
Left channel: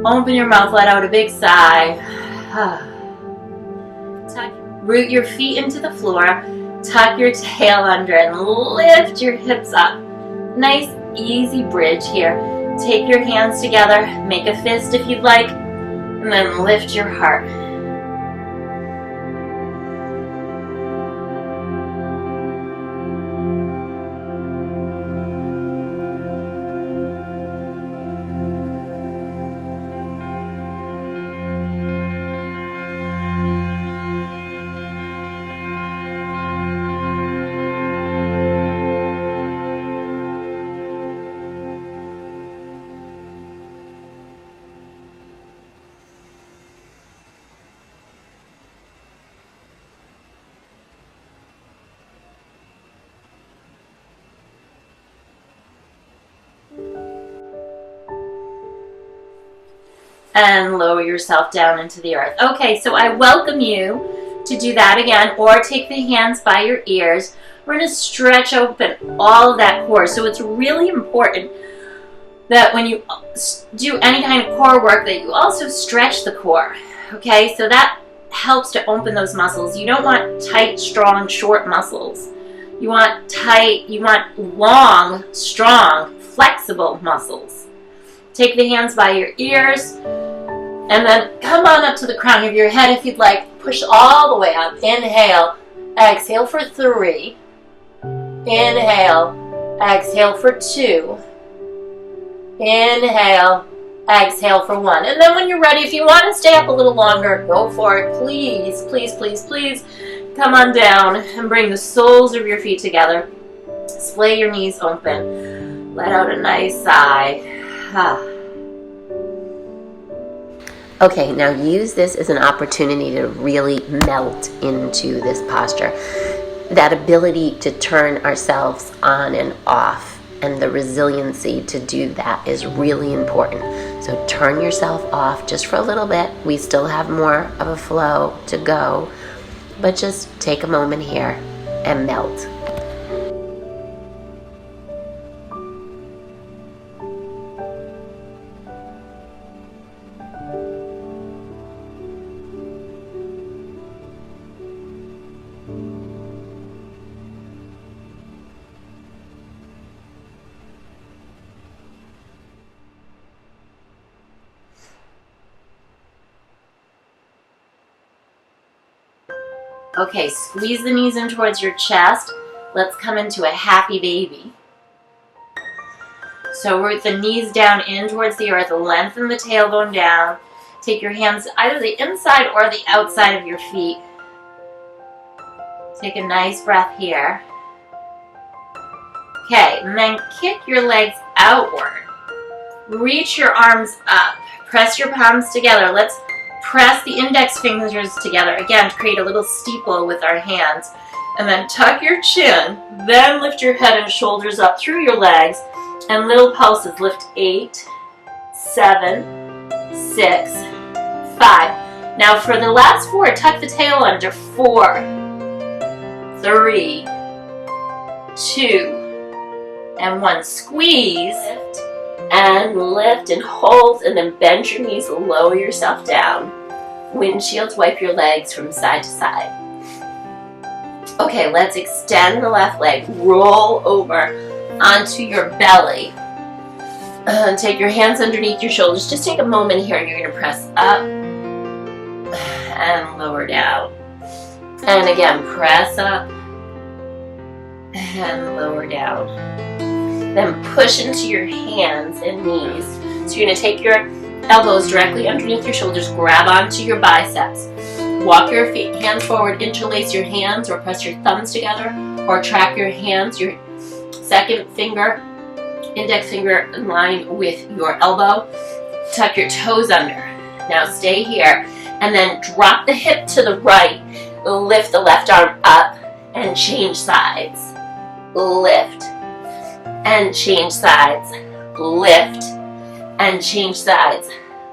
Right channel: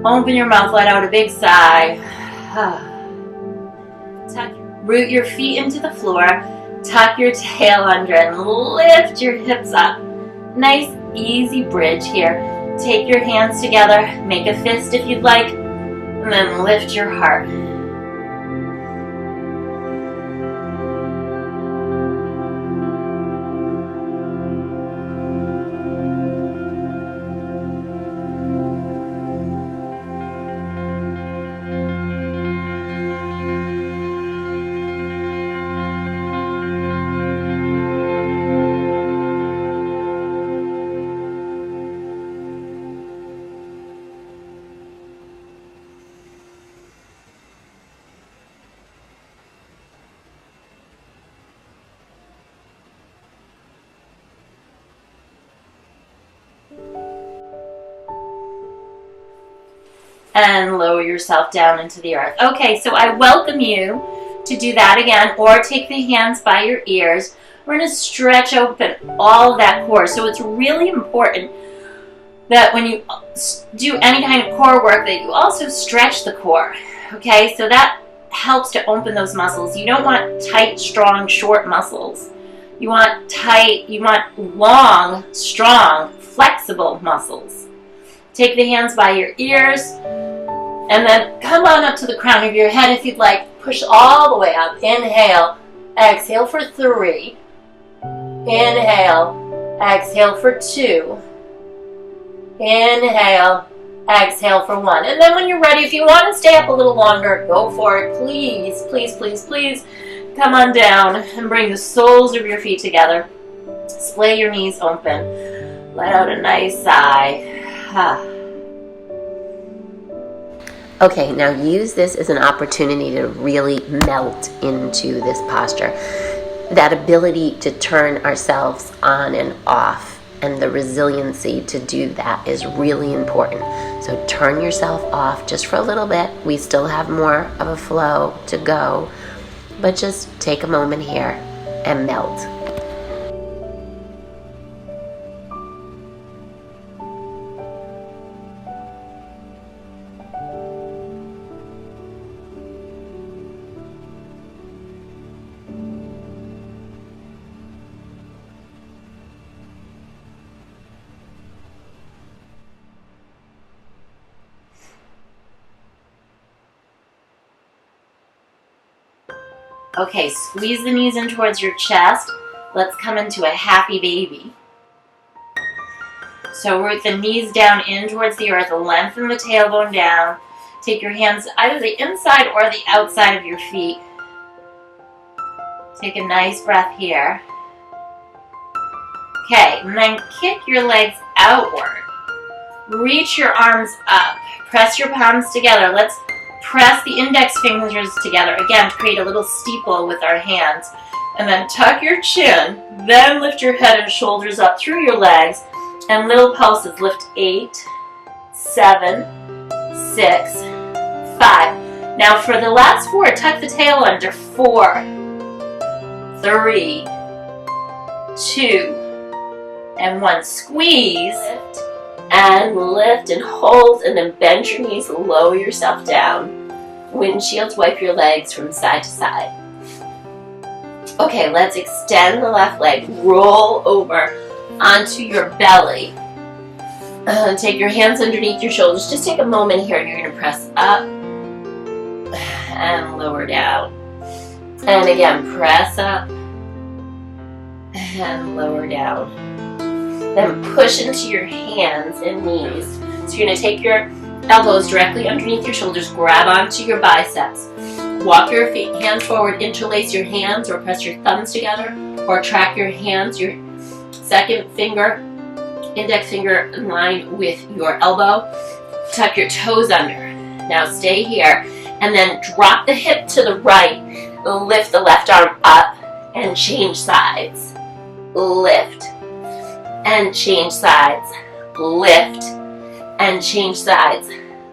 Open your mouth, let out a big sigh. Root your feet into the floor. Tuck your tail under and lift your hips up. Nice, easy bridge here. Take your hands together, make a fist if you'd like, and then lift your heart. And lower yourself down into the earth. Okay, so I welcome you to do that again, or take the hands by your ears. We're going to stretch open all of that core. So it's really important that when you do any kind of core work that you also stretch the core. Okay, so that helps to open those muscles. You don't want tight, strong, short muscles. You want tight, you want long, strong, flexible muscles. Take the hands by your ears, and then come on up to the crown of your head if you'd like. Push all the way up. Inhale. Exhale for 3. Inhale. Exhale for 2. Inhale. Exhale for 1. And then when you're ready, if you want to stay up a little longer, go for it. Please, please, please, please come on down and bring the soles of your feet together. Splay your knees open. Let out a nice sigh. Okay, now use this as an opportunity to really melt into this posture. That ability to turn ourselves on and off, and the resiliency to do that is really important. So turn yourself off just for a little bit. We still have more of a flow to go, but just take a moment here and melt. Okay, squeeze the knees in towards your chest. Let's come into a happy baby. So root the knees down in towards the earth, lengthen the tailbone down. Take your hands either the inside or the outside of your feet. Take a nice breath here. Okay, and then kick your legs outward. Reach your arms up. Press your palms together. Let's press the index fingers together, again, to create a little steeple with our hands. And then tuck your chin, then lift your head and shoulders up through your legs, and little pulses. Lift 8, 7, 6, 5. Now for the last 4, tuck the tail under. 4, 3, 2, and 1. Squeeze. Lift and hold, and then bend your knees, lower yourself down. Windshields, wipe your legs from side to side. Okay, let's extend the left leg, roll over onto your belly. Take your hands underneath your shoulders. Just take a moment here. You're going to press up and lower down. And again, press up and lower down. Then push into your hands and knees. So you're going to take your elbows directly underneath your shoulders, grab onto your biceps. Walk your hands forward, interlace your hands or press your thumbs together, or track your hands, your second finger, index finger in line with your elbow. Tuck your toes under. Now stay here and then drop the hip to the right. Lift the left arm up and change sides. Lift and change sides. Lift and change sides.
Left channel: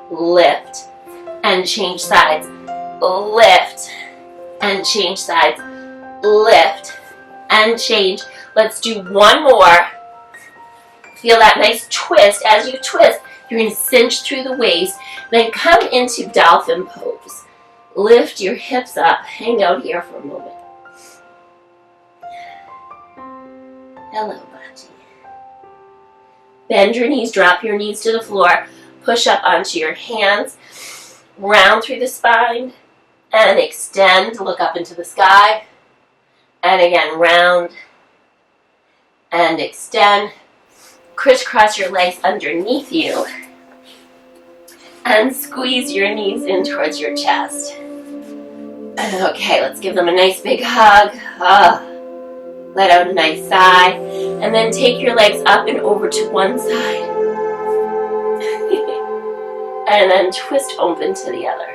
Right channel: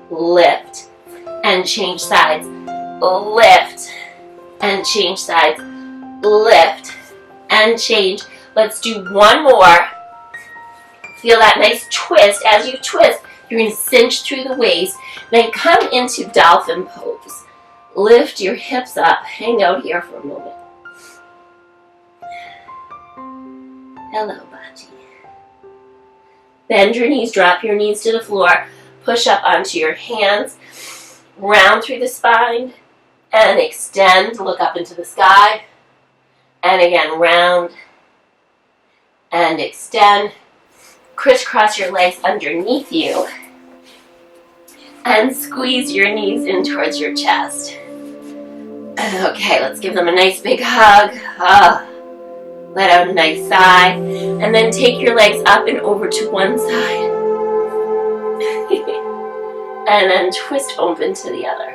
Lift and change sides. Lift and change sides. Lift and change. Let's do one more. Feel that nice twist. As you twist, you're going to cinch through the waist. Then come into dolphin pose. Lift your hips up. Hang out here for a moment. Hello, Bachi. Bend your knees, drop your knees to the floor. Push up onto your hands. Round through the spine. And extend. Look up into the sky. And again, round. And extend. Crisscross your legs underneath you. And squeeze your knees in towards your chest. Okay, let's give them a nice big hug. Let out a nice sigh. And then take your legs up and over to one side. And then twist open to the other.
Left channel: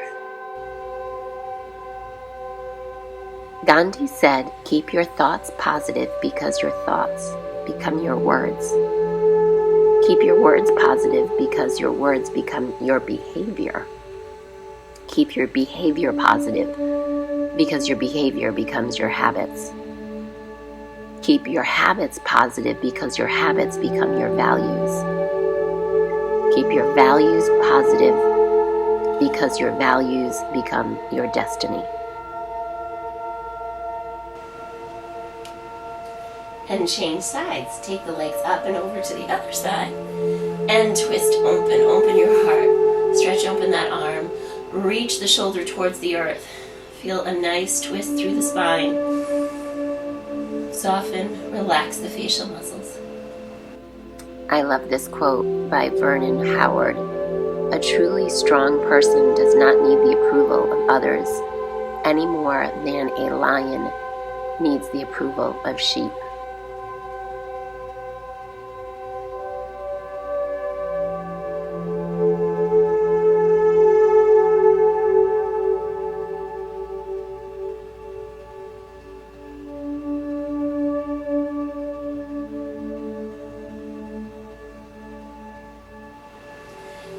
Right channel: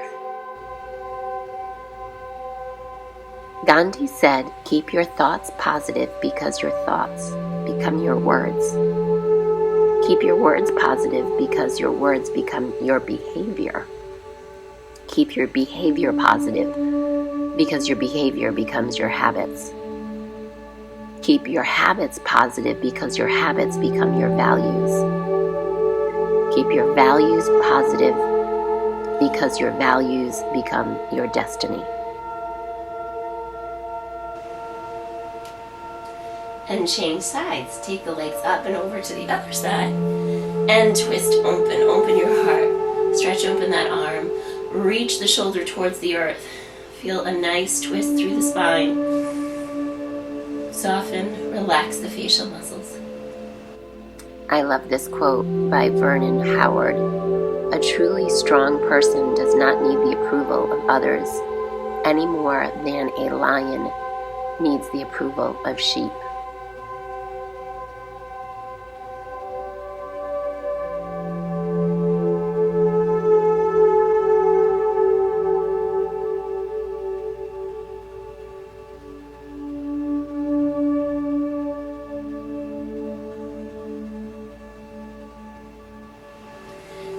Gandhi said, keep your thoughts positive because your thoughts become your words. Keep your words positive because your words become your behavior. Keep your behavior positive because your behavior becomes your habits. Keep your habits positive because your habits become your values. Keep your values positive because your values become your destiny. And change sides. Take the legs up and over to the other side. And twist open. Open your heart. Stretch open that arm. Reach the shoulder towards the earth. Feel a nice twist through the spine. Soften, relax the facial muscles. I love this quote by Vernon Howard. A truly strong person does not need the approval of others any more than a lion needs the approval of sheep.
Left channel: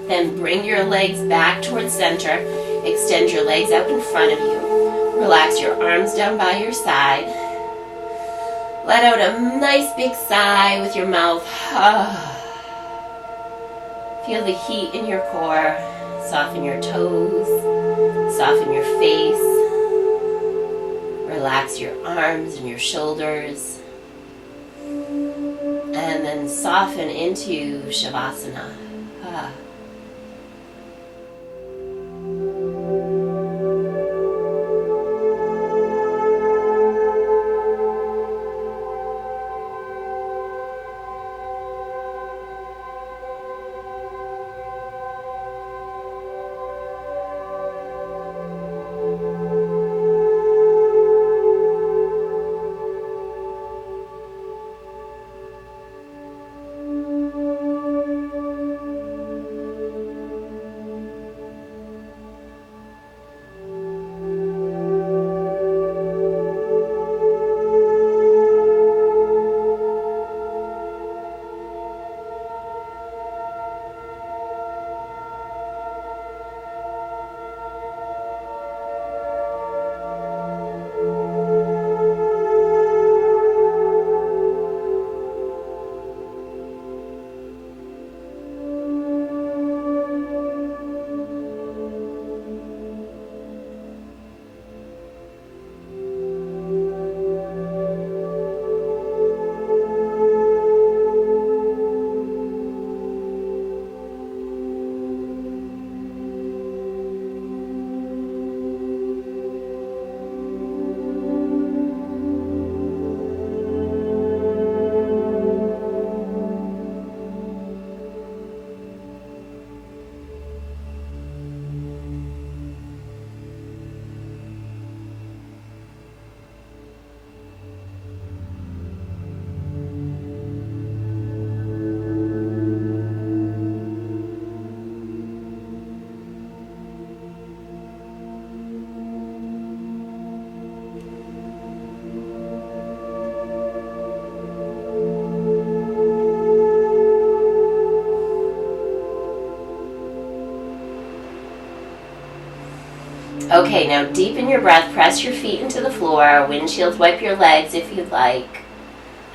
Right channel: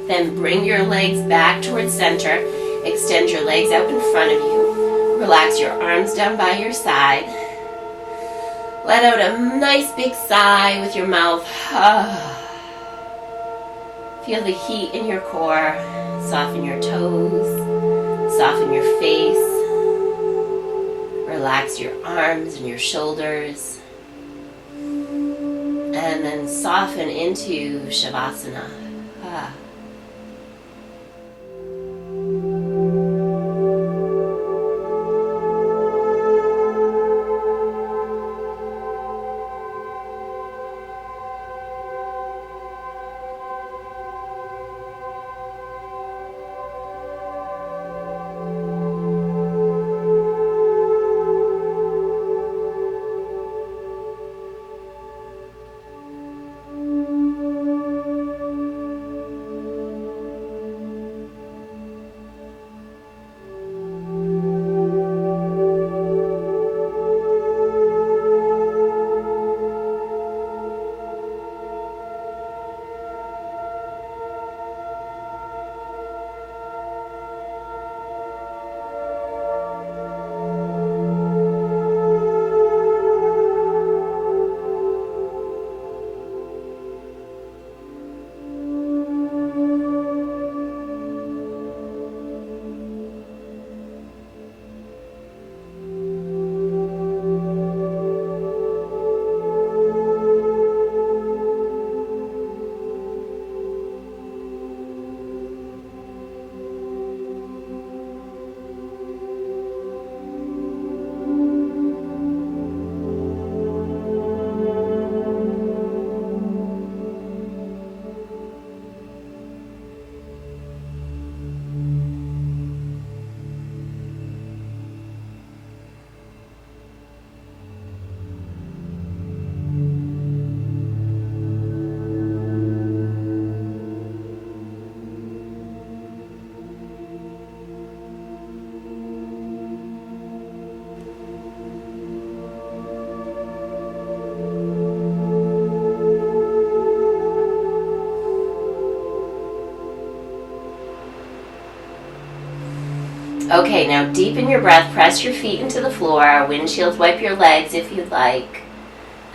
Then bring your legs back towards center. Extend your legs out in front of you. Relax your arms down by your side. Let out a nice big sigh with your mouth. Feel the heat in your core. Soften your toes. Soften your face. Relax your arms and your shoulders. And then soften into Shavasana. Okay, now deepen your breath, press your feet into the floor, windshield wipe your legs if you'd like,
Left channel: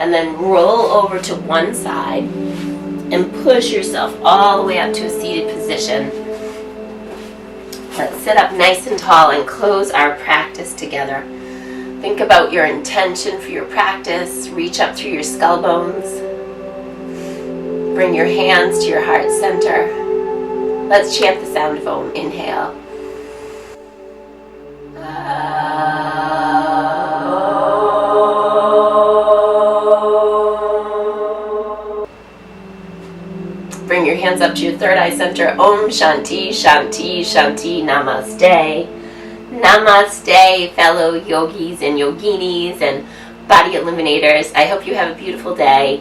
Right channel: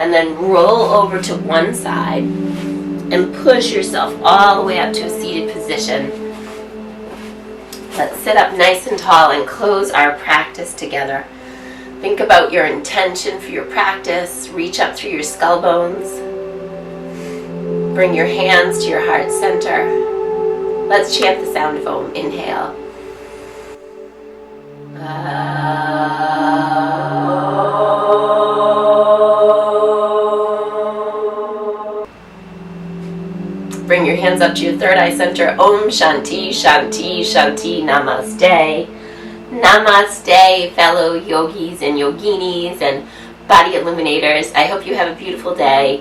and then roll over to one side and push yourself all the way up to a seated position. Let's sit up nice and tall and close our practice together. Think about your intention for your practice, reach up through your skull bones, bring your hands to your heart center. Let's chant the sound of Om. Inhale. Bring your hands up to your third eye center. Om Shanti, Shanti, Shanti, Namaste. Namaste, fellow yogis and yoginis and body illuminators. I hope you have a beautiful day.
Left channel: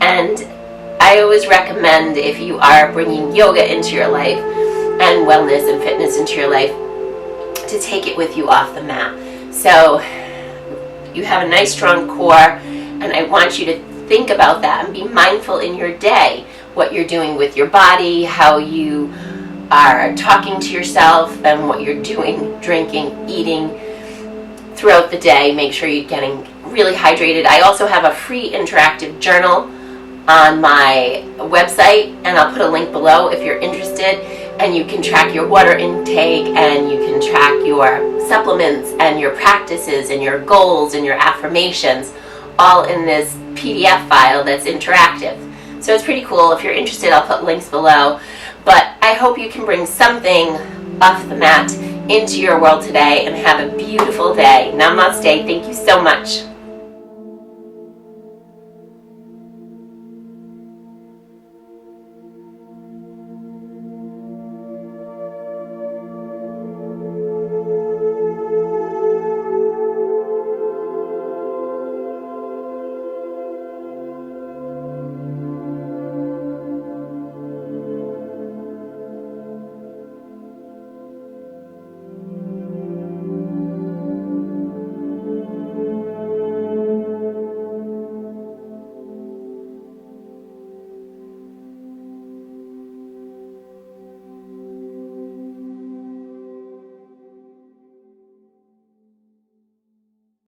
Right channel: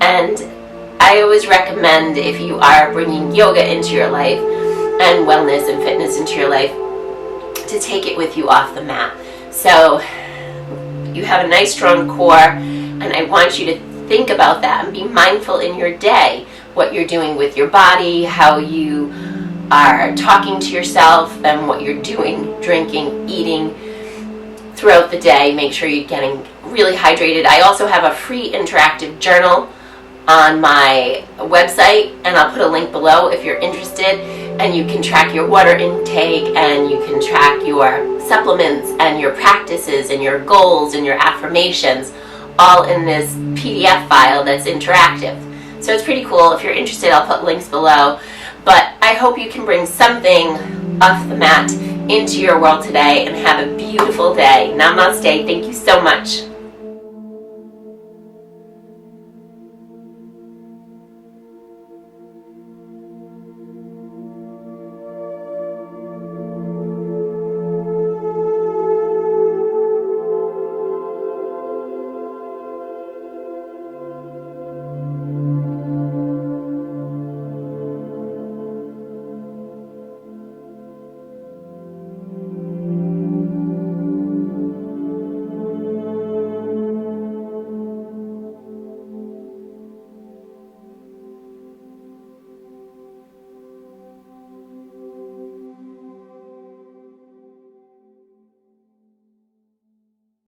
And I always recommend, if you are bringing yoga into your life and wellness and fitness into your life, to take it with you off the mat. So you have a nice strong core, and I want you to think about that and be mindful in your day, what you're doing with your body, how you are talking to yourself, and what you're doing, drinking, eating throughout the day. Make sure you're getting really hydrated. I also have a free interactive journal on my website, and I'll put a link below if you're interested, and you can track your water intake, and you can track your supplements and your practices and your goals and your affirmations, all in this PDF file that's interactive. So it's pretty cool. If you're interested, I'll put links below. But I hope you can bring something off the mat into your world today and have a beautiful day. Namaste. Thank you so much.